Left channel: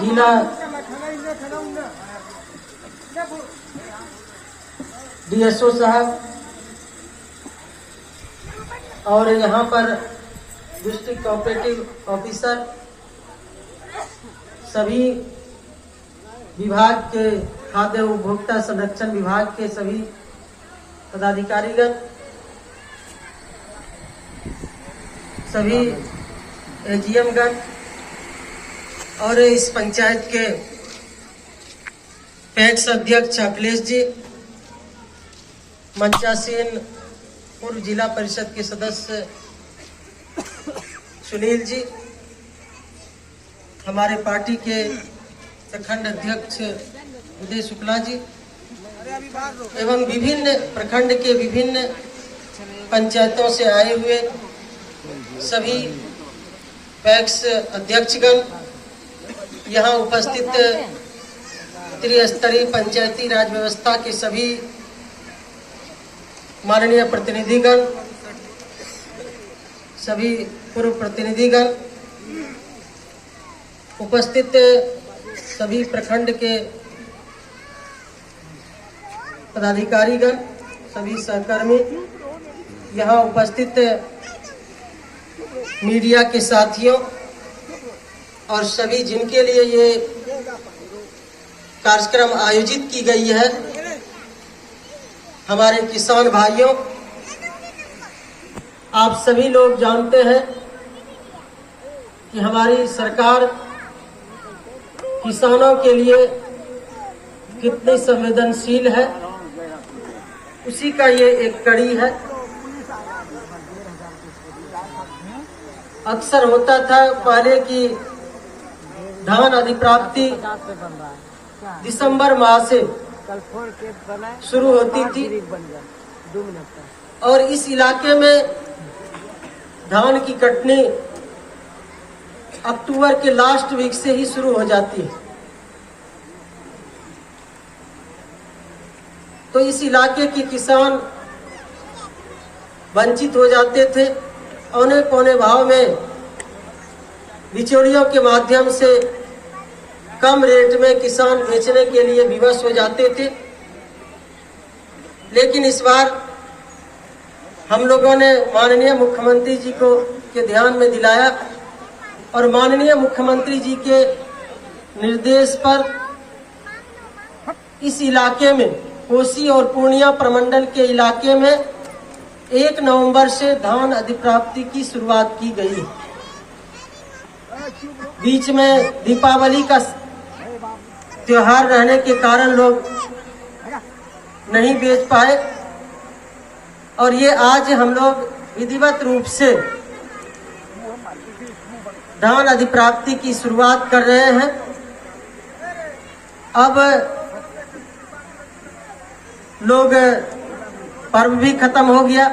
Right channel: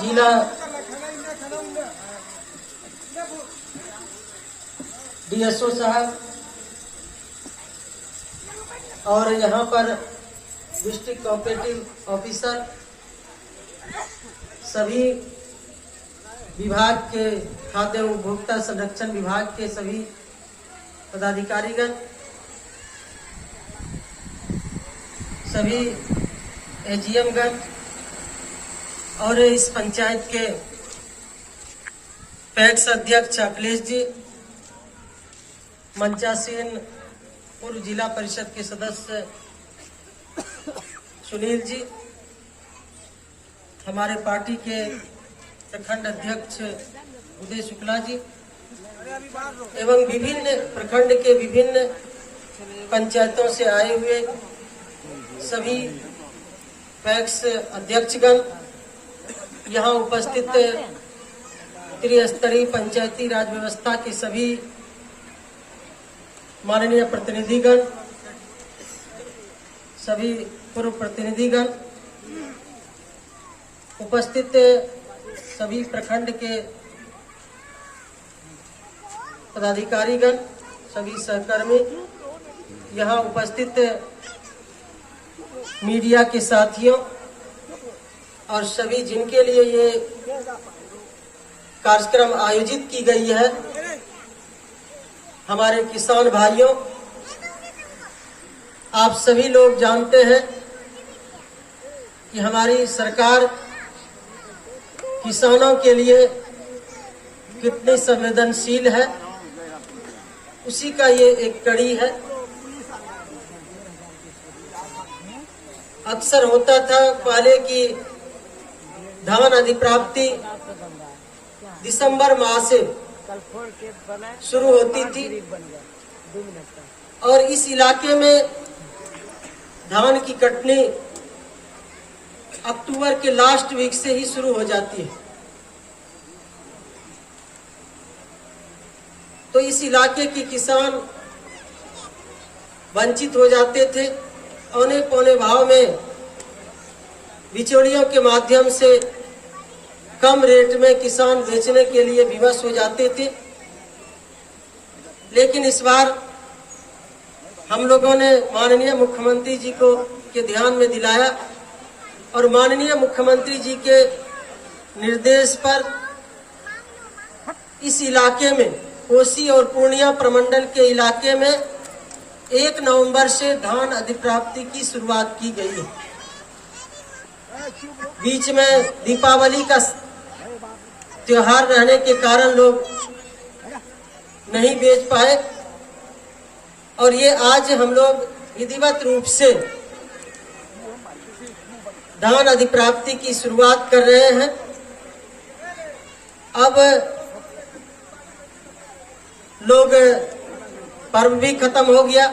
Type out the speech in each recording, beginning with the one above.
जिला डीएसओ साहब और यहाँ पर डिस्ट्रिक्ट कोऑपरेटिव ऑफिसर, सभी विभाग के खाद्य उपभोक्ता संरक्षण विभाग के सभी पदाधिकारीगण, सभी एजीएम गण और इस पंचायत के पैक्स अध्यक्ष अखिलेश जी, मंचासीन पूर्व जिला परिषद के सदस्य सुनील जी, हमारे पार्टी के प्रखंड अध्यक्ष उदय शुक्ला जी एवं विभिन्न प्रखंड के विभिन्न पंचायतों से आए हुए सभी पैक्स अध्यक्षगण, यहाँ उपस्थित त्रिस्तरीय पंचायती राज व्यवस्था के सभी माननीय प्रतिनिधिगण, सभी पूर्व प्रतिनिधिगण, उपस्थित सभी प्रखंड के पदाधिकारीगण, सभी सहकर्मी, यहाँ उपस्थित मीडिया के साथियों और सभी जिनके लिए ये कार्यक्रम आयोजित की गई है, हमारे किसान भाइयों, आप सभी लोग जानते हैं कि हमारी सरकार किसानों के लिए कितनी संवेदनशील है, उसी का ये एक कड़ी है। अक्सर होता था पहले की धान अधिप्राप्ति दिसंबर माह से शुरू होती थी और इस इलाके में धान की कटनी अक्टूबर के लास्ट वीक से ही शुरू हो जाती है। तो इस इलाके के किसान वंचित हो जाते थे। औने पौने भाव में बिचौलियों के माध्यम से कम रेट में किसान बेचने के लिए विवश हो जाते थे। लेकिन इस बार हम लोगों ने माननीय मुख्यमंत्री जी को के ध्यान में दिलाया और माननीय मुख्यमंत्री जी के निर्देश पर इस इलाके में, कोसी और पूर्णिया प्रमंडल के इलाके में 1 नवंबर से धान अधिप्राप्ति की शुरुआत की गई। बीच में दीपावली का त्योहार रहने के कारण लोग नहीं बेच पाए और ये आज हम लोग विधिवत रूप से धान अधिप्राप्ति की शुरुआत कर रहे हैं। अब लोग पर्व भी खत्म हो गया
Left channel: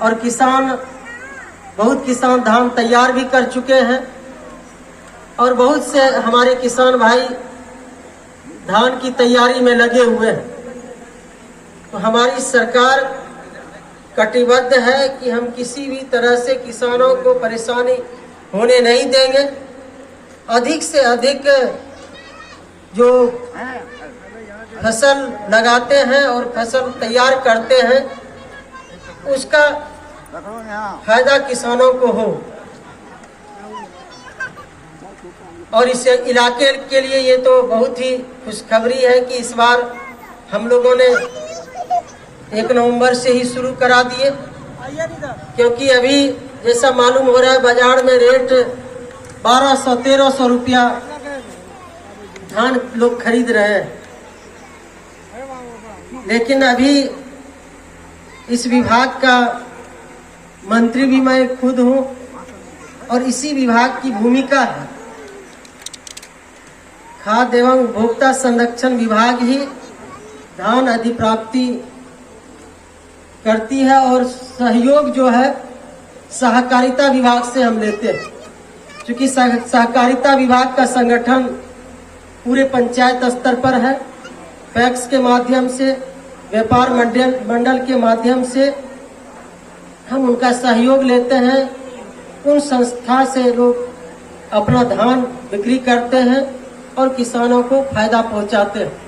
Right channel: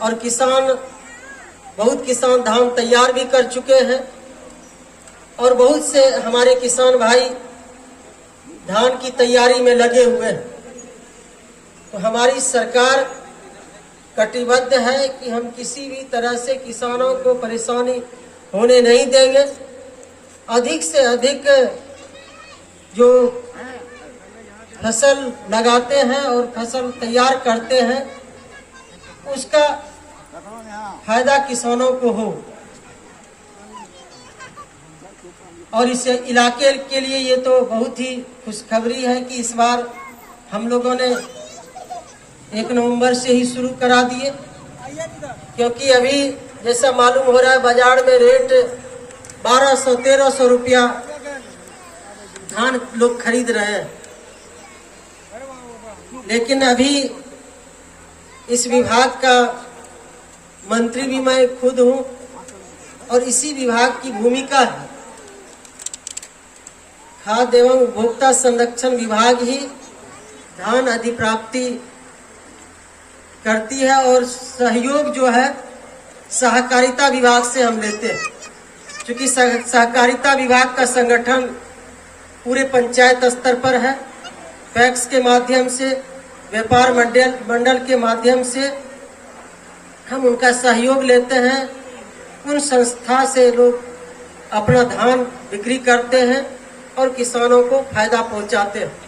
और बहुत किसान धान तैयार भी कर चुके हैं और बहुत से हमारे किसान भाई धान की तैयारी में लगे हुए हैं। तो हमारी सरकार कटिबद्ध है कि हम किसी भी तरह से किसानों को परेशानी होने नहीं देंगे। अधिक से अधिक जो फसल लगाते हैं और फसल तैयार करते हैं उसका फायदा किसानों को हो और इस इलाके के लिए ये तो बहुत ही खुशखबरी है कि इस बार हम लोगों ने 1 नवंबर से ही शुरू करा दिए, क्योंकि अभी जैसा मालूम हो रहा है बाजार में रेट 1200-1300 रुपया धान लोग खरीद रहे हैं। लेकिन अभी इस विभाग का मंत्री भी मैं खुद हूँ और इसी विभाग की भूमिका है। खाद्य एवं उपभोक्ता संरक्षण विभाग ही धान अधिप्राप्ति करती है और सहयोग जो है सहकारिता विभाग से हम लेते हैं, क्योंकि सहकारिता विभाग का संगठन पूरे पंचायत स्तर पर है। पैक्स के माध्यम से, व्यापार मंडल के माध्यम से हम उनका सहयोग लेते हैं। उन संस्था से लोग अपना धान बिक्री करते हैं और किसानों को फायदा पहुंचाते हैं।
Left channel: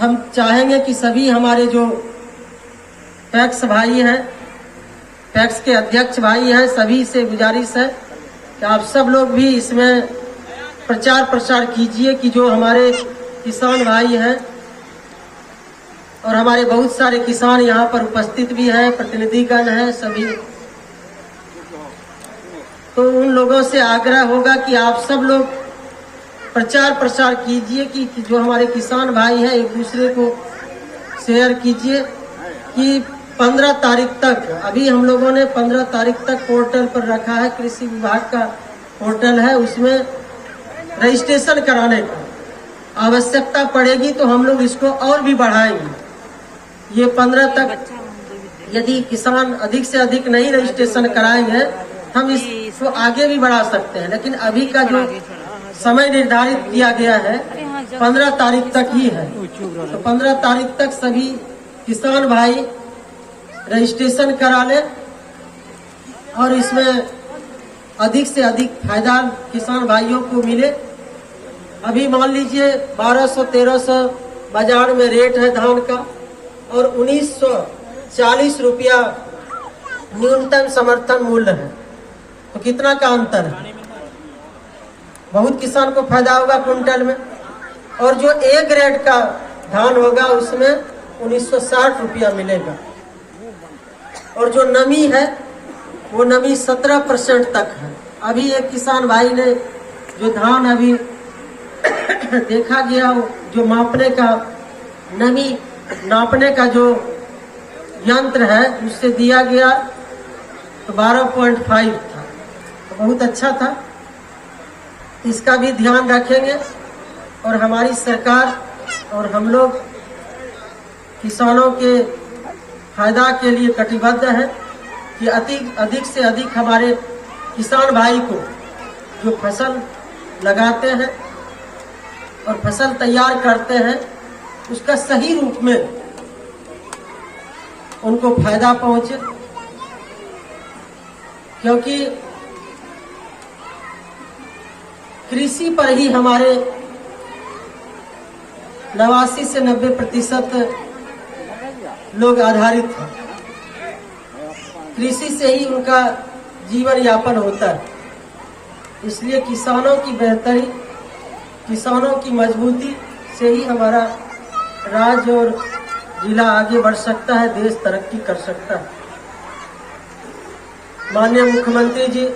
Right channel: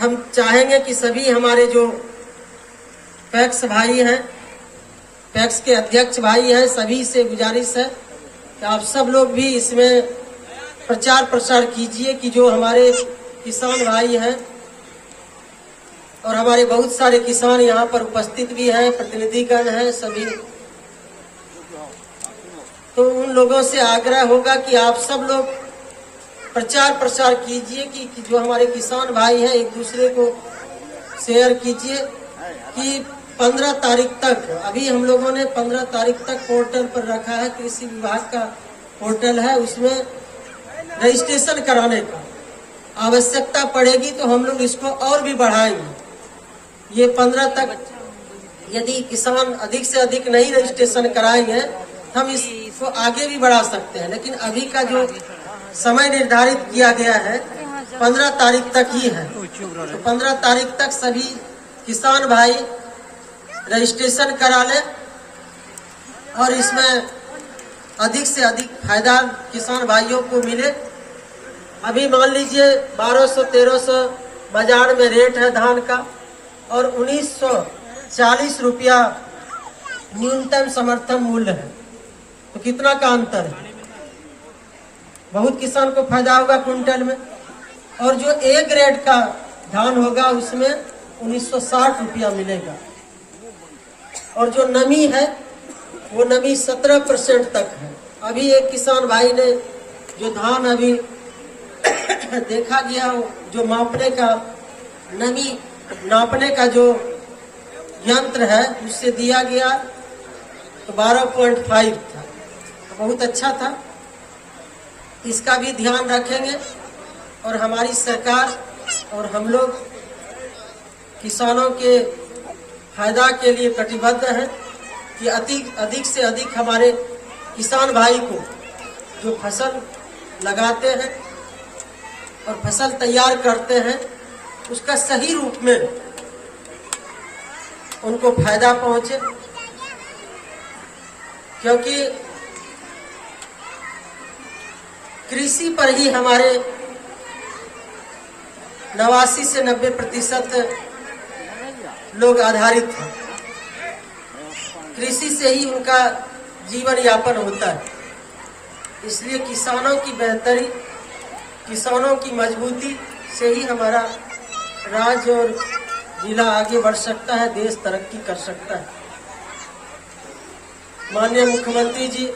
हम चाहेंगे कि सभी हमारे जो पैक्स भाई हैं, पैक्स के अध्यक्ष भाई हैं, सभी से गुजारिश है कि आप सब लोग भी इसमें प्रचार प्रसार कीजिए कि जो हमारे किसान भाई हैं और हमारे बहुत सारे किसान यहाँ पर उपस्थित भी हैं, प्रतिनिधिगण हैं सभी, तो उन लोगों से आग्रह होगा कि आप सब लोग प्रचार प्रसार कीजिए कि जो हमारे किसान भाई हैं एक दूसरे को शेयर कीजिए कि 15 तारीख तक, अभी हम लोगों ने 15 तारीख तक पोर्टल पर रखा है, कृषि विभाग का पोर्टल है, उसमें रजिस्ट्रेशन कराने का आवश्यकता पड़ेगी तो हम लोग इसको और भी बढ़ाएंगे। ये 15 तक यदि किसान अधिक से अधिक नहीं रजिस्ट्रेशन कराएंगे हम इसको आगे भी बढ़ा सकते हैं, लेकिन अभी का जो समय निर्धारित किया गया है 15 तारीख तक ही है। तो 15 तारीख तक सभी किसान भाई रजिस्ट्रेशन करा लें और इसमें अधिक से अधिक फायदा किसान भाइयों को मिले। अभी मान लीजिए 1200-1300 बाजार में रेट है धान का और 1940 रुपया न्यूनतम समर्थन मूल्य है, तो कितना का अंतर है? बहुत किसान को फायदा होगा कुंटल में। और जो ए ग्रेड का धान होगा उसमें 1960 रुपया मिलेगा और जो नमी है वो नमी 17% तक है। अभी एक किसान भाई ने जो धान अभी देखा गया जो मापने का नमी नापने का जो यंत्र है उससे दिया गया तो 12.5 था, तो बहुत अच्छा था। इसका भी ध्यान रखेंगे और हमारी सरकार और हम लोग किसानों के फायदा के लिए कटिबद्ध है कि अधिक से अधिक हमारे किसान भाई को जो फसल लगाते हैं और फसल तैयार करते हैं उसका सही रूप में उनको फायदा पहुंचे, क्योंकि कृषि पर ही हमारे 89 से 90% लोग आधारित हैं। कृषि से ही उनका जीवन यापन होता है, इसलिए किसानों की बेहतरी, किसानों की मजबूती से ही हमारा राज्य और जिला आगे बढ़ सकता है, देश तरक्की कर सकता है। माननीय मुख्यमंत्री जी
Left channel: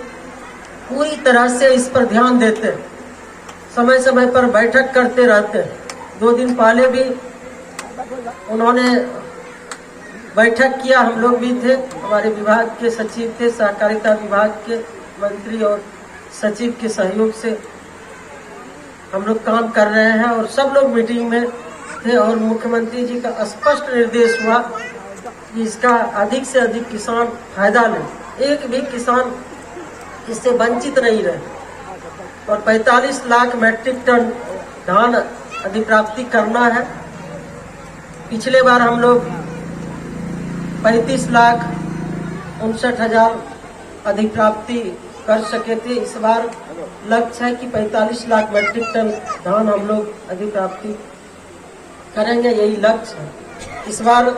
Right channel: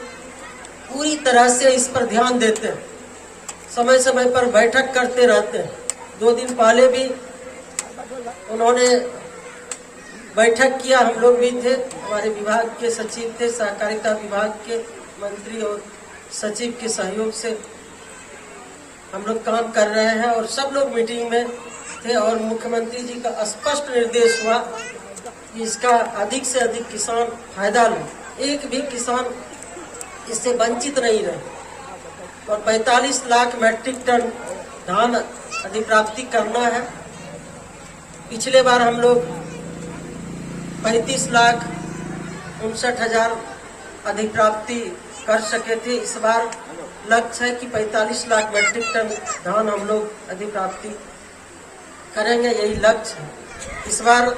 पूरी तरह से इस पर ध्यान देते हैं, समय समय पर बैठक करते रहते हैं। 2 दिन पहले भी उन्होंने बैठक किया, हम लोग भी थे, हमारे विभाग के सचिव थे, सहकारिता विभाग के मंत्री और सचिव के सहयोग से हम लोग काम कर रहे हैं और सब लोग मीटिंग में थे और मुख्यमंत्री जी का स्पष्ट निर्देश हुआ कि इसका अधिक से अधिक किसान फायदा लें, एक भी किसान इससे वंचित नहीं रहे और 45 लाख मैट्रिक टन धान अधिप्राप्ति करना है। पिछले बार हम लोग 35,59,000 अधिप्राप्ति कर सके थे, इस बार लक्ष्य है कि 45 लाख मैट्रिक टन धान हम लोग अधिप्राप्ति करेंगे, यही लक्ष्य है। इस बार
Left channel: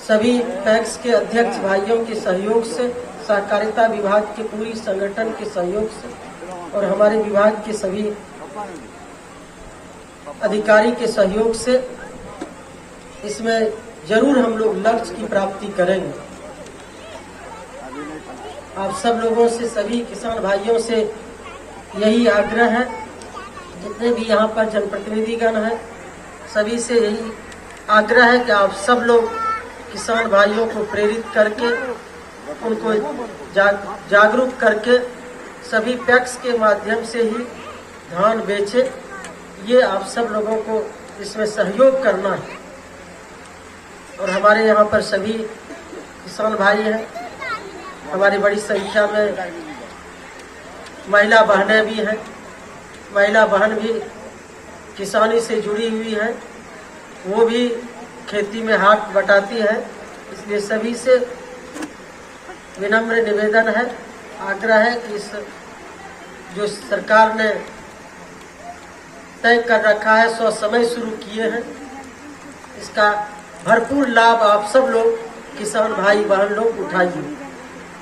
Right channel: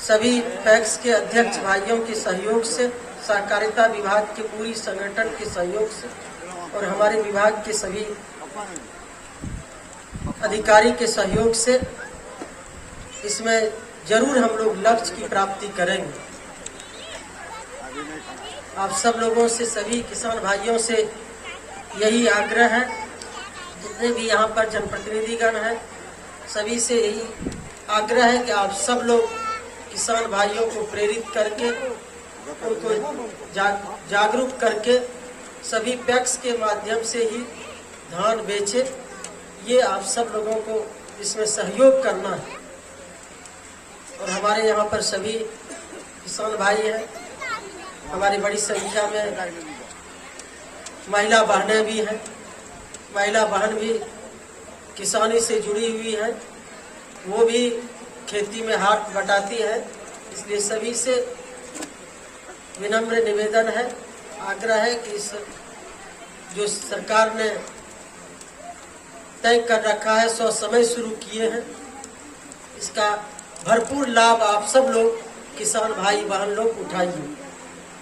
सभी पैक्स के अध्यक्ष भाइयों के सहयोग से, सहकारिता विभाग के पूरी संगठन के सहयोग से और हमारे विभाग के सभी अधिकारी के सहयोग से इसमें जरूर हम लोग लक्ष्य की प्राप्ति करेंगे। आप सब लोगों से, सभी किसान भाइयों से यही आग्रह है, जितने भी यहाँ पर जनप्रतिनिधिगण हैं सभी से यही आग्रह है कि आप सब लोग किसान भाइयों को प्रेरित करके उनको जागरूक करके सभी पैक्स के माध्यम से ही धान बेचे। ये आप सब लोगों को इसमें सहयोग करना है और हमारे यहाँ पर सभी किसान भाई हैं, हमारी बड़ी संख्या में महिला बहनें भी हैं। महिला बहन भी किसानी से जुड़ी हुई है, वो भी खेती में हाथ बटाती है, इसलिए सभी से विनम्र निवेदन है आग्रह है कि इस जो सरकार ने तय कर रखा है, सो समय शुरू किए हैं, इसका भरपूर लाभ आप सब लोग किसान भाई बहन लोग उठाइए।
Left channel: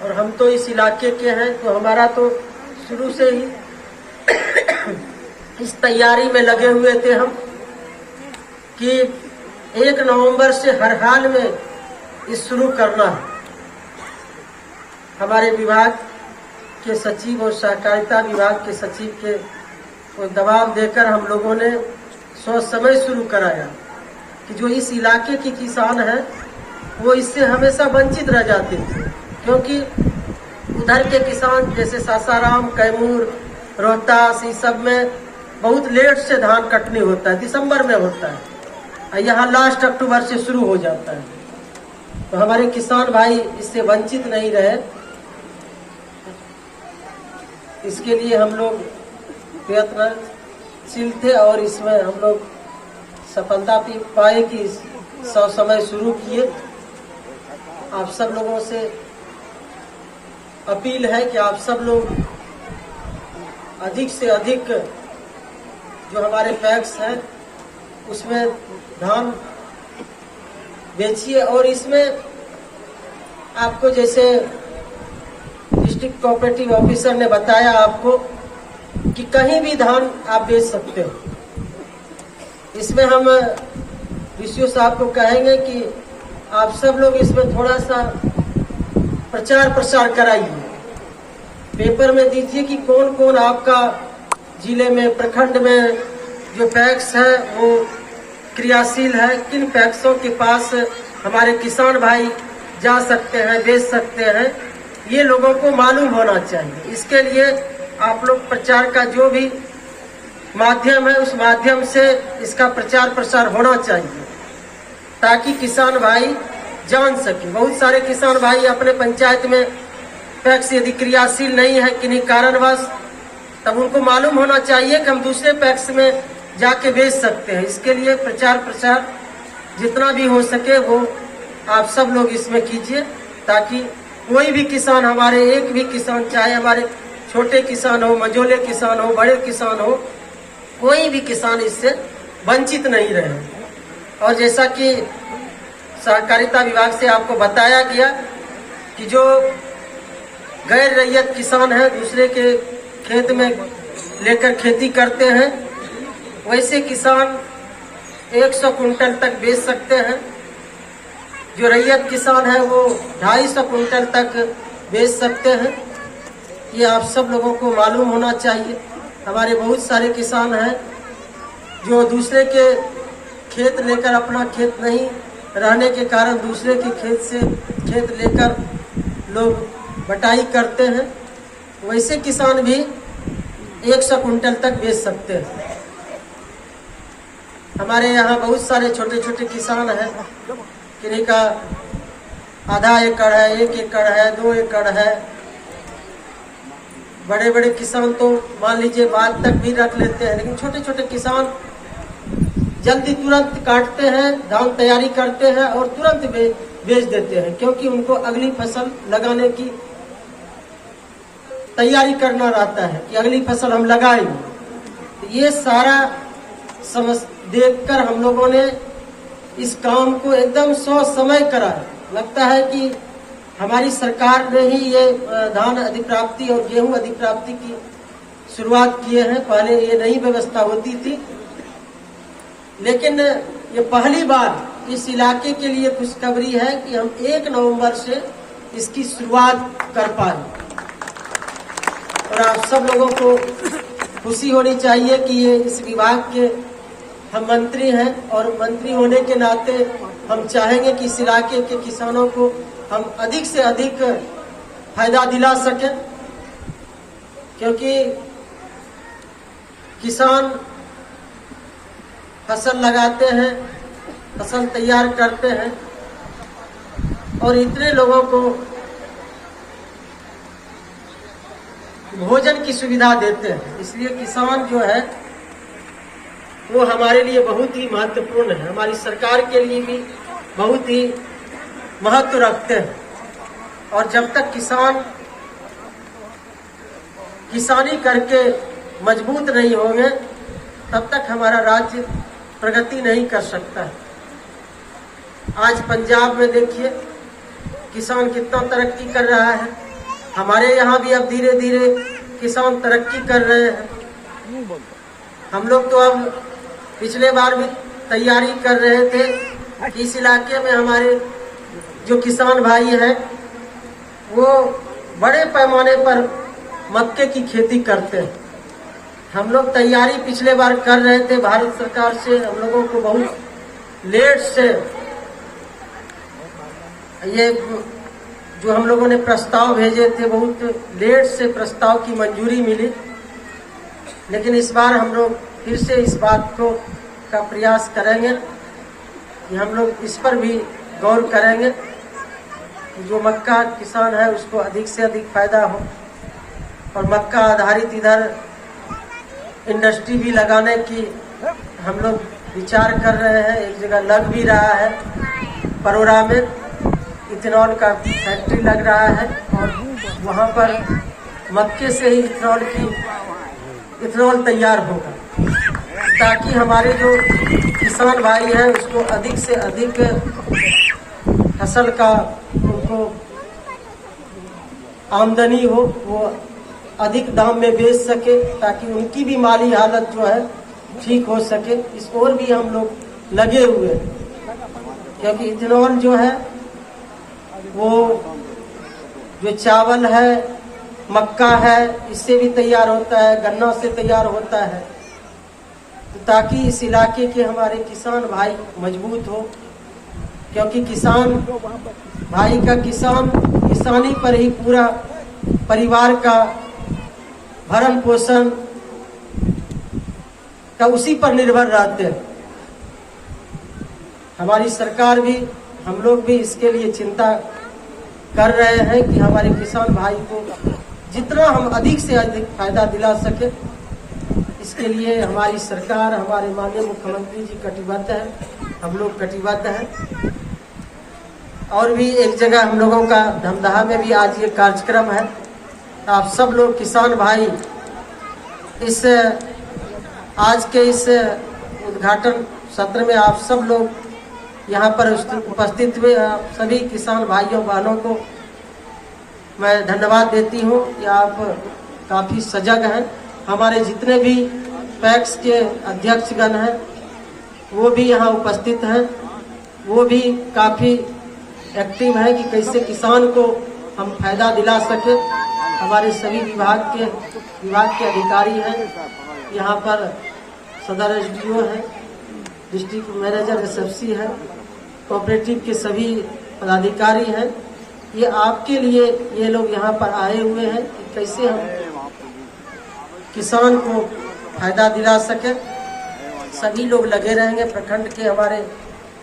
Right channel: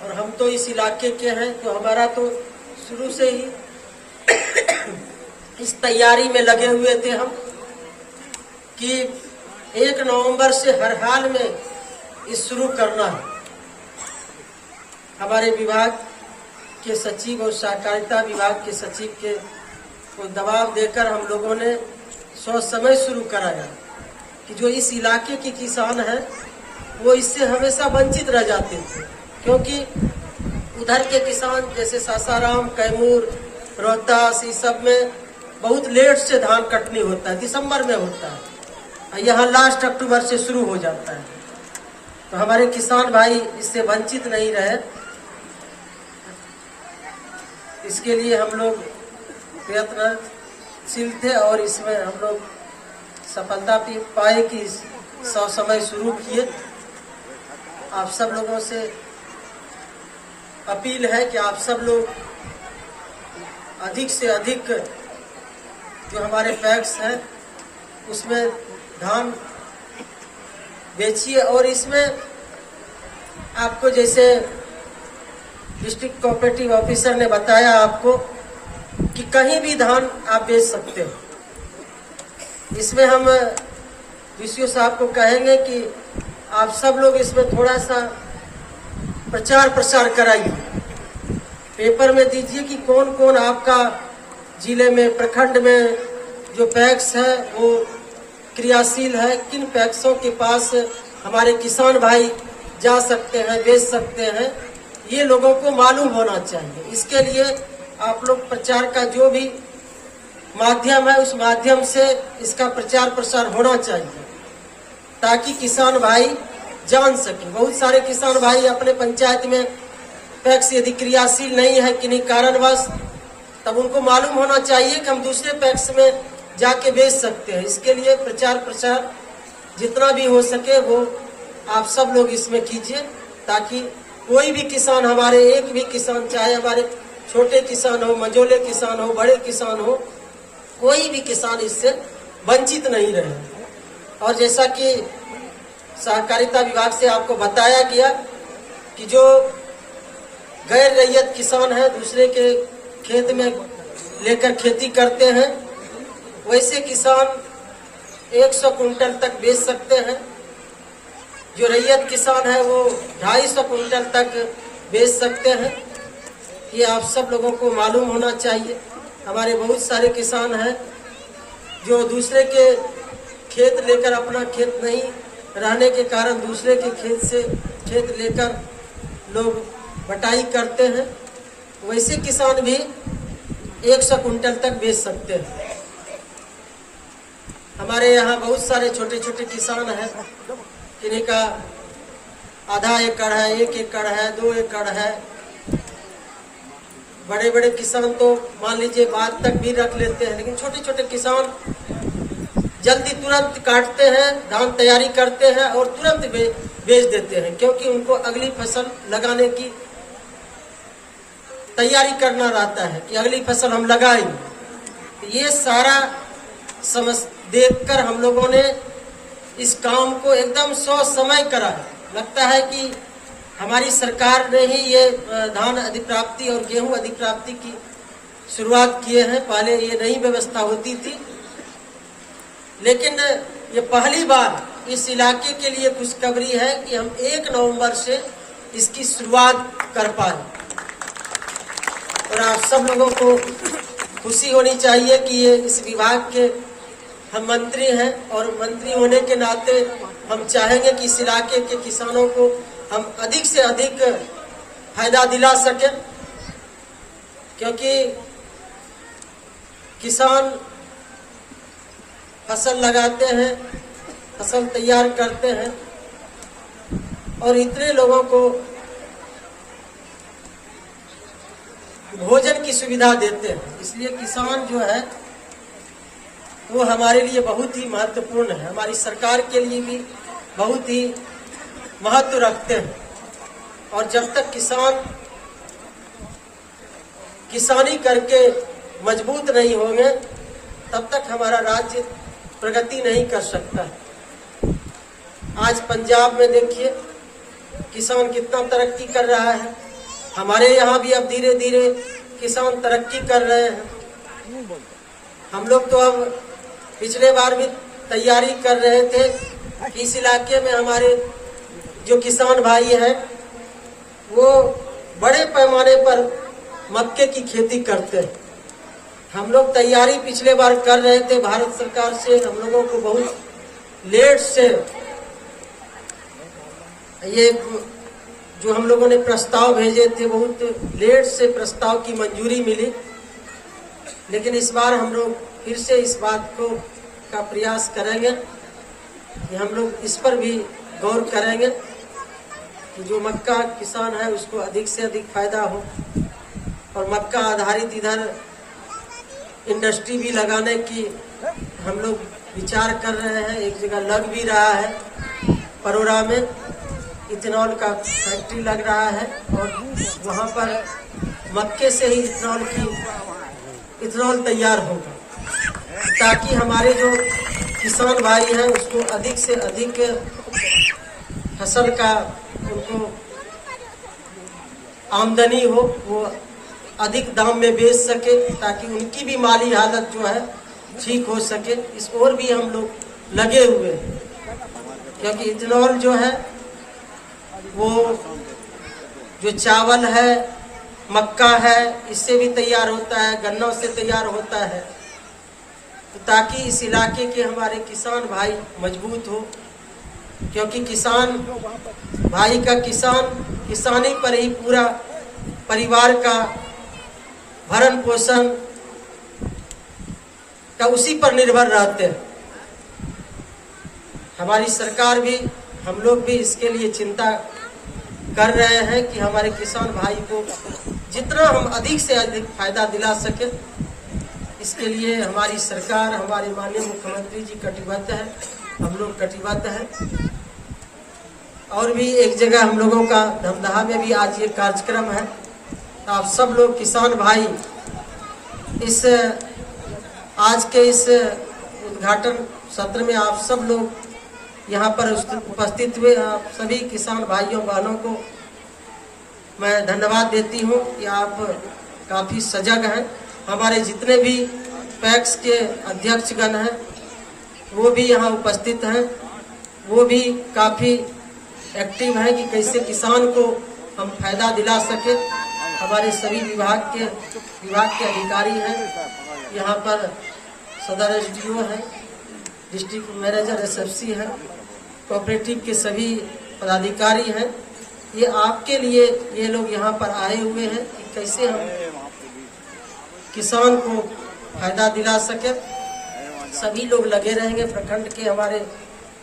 और हम तो इस इलाके के हैं, तो हमारा तो शुरू से ही इस तैयारी में लगे हुए थे हम कि 1 नवंबर से हर हाल में इस शुरू करना है। हमारे विभाग के सचिव और सहकारिता विभाग के सचिव के को दबाव देकर हम लोगों ने सोच समय शुरू कराया कि जो इस इलाके के किसान हैं वो इससे हमेशा वंचित रह जाते थे, क्योंकि उधर के किसान जैसे सासाराम, कैमूर, रोहतास, इस सब में बहुत लेट से धान कटनी होता है, दिसंबर में होता है, यहाँ लास्ट अक्टूबर से शुरू हो जाता है। तो हमारे किसान भाई इससे वंचित नहीं रहे, इसके लिए हम लोग प्रयत्नशील थे और इसमें हम लोग सफलता पाए कि समय शुरू किए। आप सब लोगों से अपील है कि आप सब लोग अधिक से अधिक जो हमारे पैक्स हैं उसमें धान बेचिए। और इसमें आपको जैसे डिस्ट्रिक्ट कोऑपरेटिव ऑफिसर ने बताया आपको कि कहीं भी धान आप बेच सकते हो। इसमें हम विशु साहब को कहेंगे कि आप सब लोग इसमें थोड़ा सा प्रचार प्रसार कराइए, पेपर में दीजिए कि कौन कौन आपका जिले में, प्रखंड में जो पैक्स है वो क्रियाशील है, किन पैक्सों के पास हमारे किसान भाई जा सकते हैं, बेच सकते हैं, ये लोगों को मालूम होना चाहिए। इसके लिए आप लोग प्रचार का जो भी माध्यम है उस माध्यम से इसका प्रचार प्रसार होना चाहिए ताकि किसान भाई जान सके। बहुत सारे किसान भाई अपने पंचायत में पैक्स यदि क्रियाशील नहीं है किन्हीं कारणवश, तब उनको मालूम होना चाहिए कि हम दूसरे पैक्स में जाके बेच सकते हैं। इसके लिए प्रचार प्रसार जितना भी हो सके वो आप सब लोग इसमें कीजिए ताकि कोई भी किसान, हमारे एक भी किसान, चाहे हमारे छोटे किसान हो, मझोले किसान हो, बड़े किसान हो, कोई भी किसान इससे वंचित नहीं रहे। और जैसा कि सहकारिता विभाग से आपको बताया गया कि जो गैर रैयत किसान है, दूसरे के खेत में लेकर खेती करते हैं, वैसे किसान 100 कुंटल तक बेच सकते हैं। जो रैयत किसान है वो 250 कुंटल तक बेच सकते हैं। ये आप सब लोगों को मालूम होना चाहिए। हमारे बहुत सारे किसान हैं जो दूसरे के खेत लेकर, अपना खेत नहीं रहने के कारण दूसरे के खेत से खेत लेकर लोग बटाई करते हैं, वैसे किसान भी 100 कुंटल तक बेच सकते हैं। हमारे यहाँ बहुत सारे छोटे छोटे किसान हैं, किन्हीं का आधा एकड़ है, 1 एकड़ है, 2 एकड़ है। बड़े बड़े किसान तो मान लीजिए बाद तक भी रख लेते हैं, लेकिन छोटे छोटे किसान जल्दी तुरंत काटते हैं, धान तैयारी करते हैं और तुरंत बेच देते हैं, क्योंकि उनको अगली फसल लगाने की तैयारी करना रहता है कि अगली फसल हम लगाएंगे। ये सारा समझ देखकर हम लोगों ने इस काम को एकदम सोच समय करा है। लगता है कि हमारी सरकार ने ही ये धान अधिप्राप्ति और गेहूं अधिप्राप्ति की शुरुआत किए हैं। पहले ये नई व्यवस्था होती थी, लेकिन ये पहली बार इस इलाके के लिए खुशखबरी है कि हम 1 नवंबर से इसकी शुरुआत कर पाए। और आप सब लोगों को खुशी होनी चाहिए कि ये इस विभाग के हम मंत्री हैं, और मंत्री होने के नाते हम चाहेंगे कि इस इलाके के किसानों को हम अधिक से अधिक फायदा दिला सके, क्योंकि किसान फसल लगाते हैं, फसल तैयार करते हैं और इतने लोगों को भोजन की सुविधा देते हैं। इसलिए किसान जो है वो हमारे लिए बहुत ही महत्वपूर्ण है, हमारी सरकार के लिए भी बहुत ही महत्व रखते हैं। और जब तक किसान किसानी करके मजबूत नहीं होंगे तब तक हमारा राज्य प्रगति नहीं कर सकता। आज पंजाब में देखिए किसान कितना तरक्की कर रहा है। हमारे यहाँ भी अब धीरे धीरे किसान तरक्की कर रहे हैं। हम लोग तो अब पिछले बार भी तैयारी कर रहे थे कि इस इलाके में हमारे जो किसान भाई हैं वो बड़े पैमाने पर मक्के की खेती करते हैं। हम लोग तैयारी पिछले बार कर रहे थे। भारत सरकार से हम लोगों को बहुत लेट से ये जो हम लोगों ने प्रस्ताव भेजे थे, बहुत लेट से प्रस्ताव की मंजूरी मिली। लेकिन इस बार हम लोग फिर से इस बात को का प्रयास करेंगे कि हम लोग इस पर भी गौर करेंगे कि जो मक्का किसान है उसको अधिक से अधिक फायदा हो। और मक्का आधारित इधर इंडस्ट्री भी लगाने की हम लोग विचार कर रहे हैं। एक जगह लग भी रहा है, परोरा में इथेनॉल का फैक्ट्री लग रहा है और वहाँ पर मक्के से ही इथेनॉल तैयार होगा, ताकि हमारे जो किसान भाई हैं उसको अधिक से अधिक फसल का उनको आमदनी हो, वो अधिक दाम में बेच सके, ताकि उनकी भी माली हालत जो है ठीक हो सके। इस ओर भी हम लोग लगे हुए हैं, क्योंकि इथेनॉल जो है वो जो चावल है, मक्का है, इससे भी तैयार होता है, गन्ना से तैयार होता है, ताकि इस इलाके के हमारे किसान भाई मजबूत हो। क्योंकि किसान भाई का किसानी पर ही पूरा परिवार का भरण पोषण का उसी पर निर्भर रहते हैं। हमारी सरकार भी, हम लोग भी इसके लिए चिंता कर रहे हैं कि हमारे किसान भाई को जितना हम अधिक से अधिक फायदा दिला सके। इसके लिए हमारी सरकार, हमारे माननीय मुख्यमंत्री जी कटिबद्ध है, हम लोग कटिबद्ध हैं। और भी एक जगह हम लोगों का धमदाहा में भी आज ये कार्यक्रम है। आप सब लोग किसान भाई इस आज के इस उद्घाटन सत्र में आप सब लोग यहाँ पर उपस्थित हुए। सभी किसान भाइयों बहनों को मैं धन्यवाद देती हूँ कि आप काफ़ी सजग हैं। हमारे जितने भी पैक्स के अध्यक्षगण हैं वो भी यहाँ उपस्थित हैं, वो भी काफ़ी एक्टिव है कि कैसे किसान को हम फायदा दिला सके। हमारे सभी विभाग के अधिकारी हैं, यहाँ पर सदर SDO है, डिस्ट्रिक्ट मैनेजर SFC है, कोऑपरेटिव के सभी पदाधिकारी हैं। ये आपके लिए ये लोग यहाँ पर आए हुए हैं कि कैसे हम किसान को फायदा दिला सके। सभी लोग लगे रहेंगे। प्रखंड के हमारे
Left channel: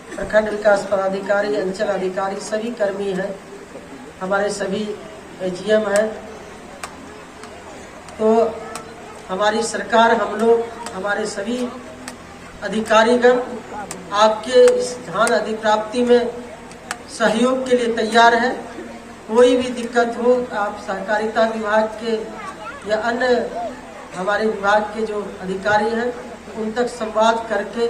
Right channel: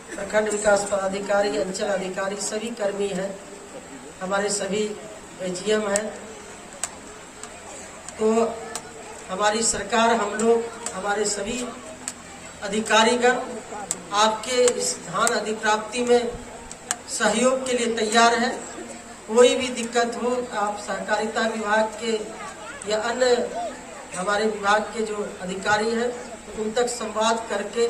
प्रखंड विकास पदाधिकारी, अंचल अधिकारी, सभी कर्मी हैं, हमारे सभी AGM हैं। तो हमारी सरकार, हम लोग, हमारे सभी अधिकारीगण आपके इस धान अधिप्राप्ति में सहयोग के लिए तैयार है। कोई भी दिक्कत हो, आप सहकारिता विभाग के या अन्य हमारे विभाग के जो अधिकारी हैं उन तक संवाद करके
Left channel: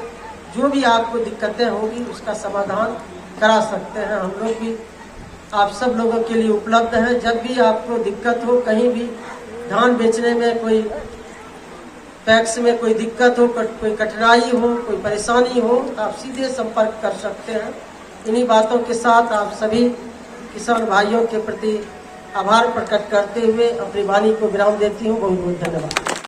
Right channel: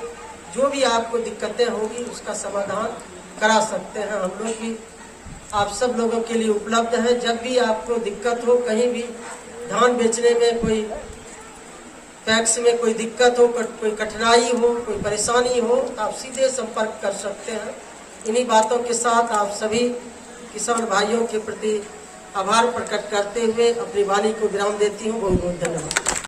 जो भी आपको दिक्कतें होगी उसका समाधान करा सकते हैं। हम लोग भी आप सब लोगों के लिए उपलब्ध हैं। जब भी आपको दिक्कत हो, कहीं भी धान बेचने में कोई पैक्स में कोई दिक्कत हो, कोई कठिनाई हो, कोई परेशानी हो, तो आप सीधे संपर्क कर सकते हैं। इन्हीं बातों के साथ आप सभी किसान भाइयों के प्रति आभार प्रकट करते हुए अपनी वाणी को विराम देती हूँ। बहुत बहुत धन्यवाद।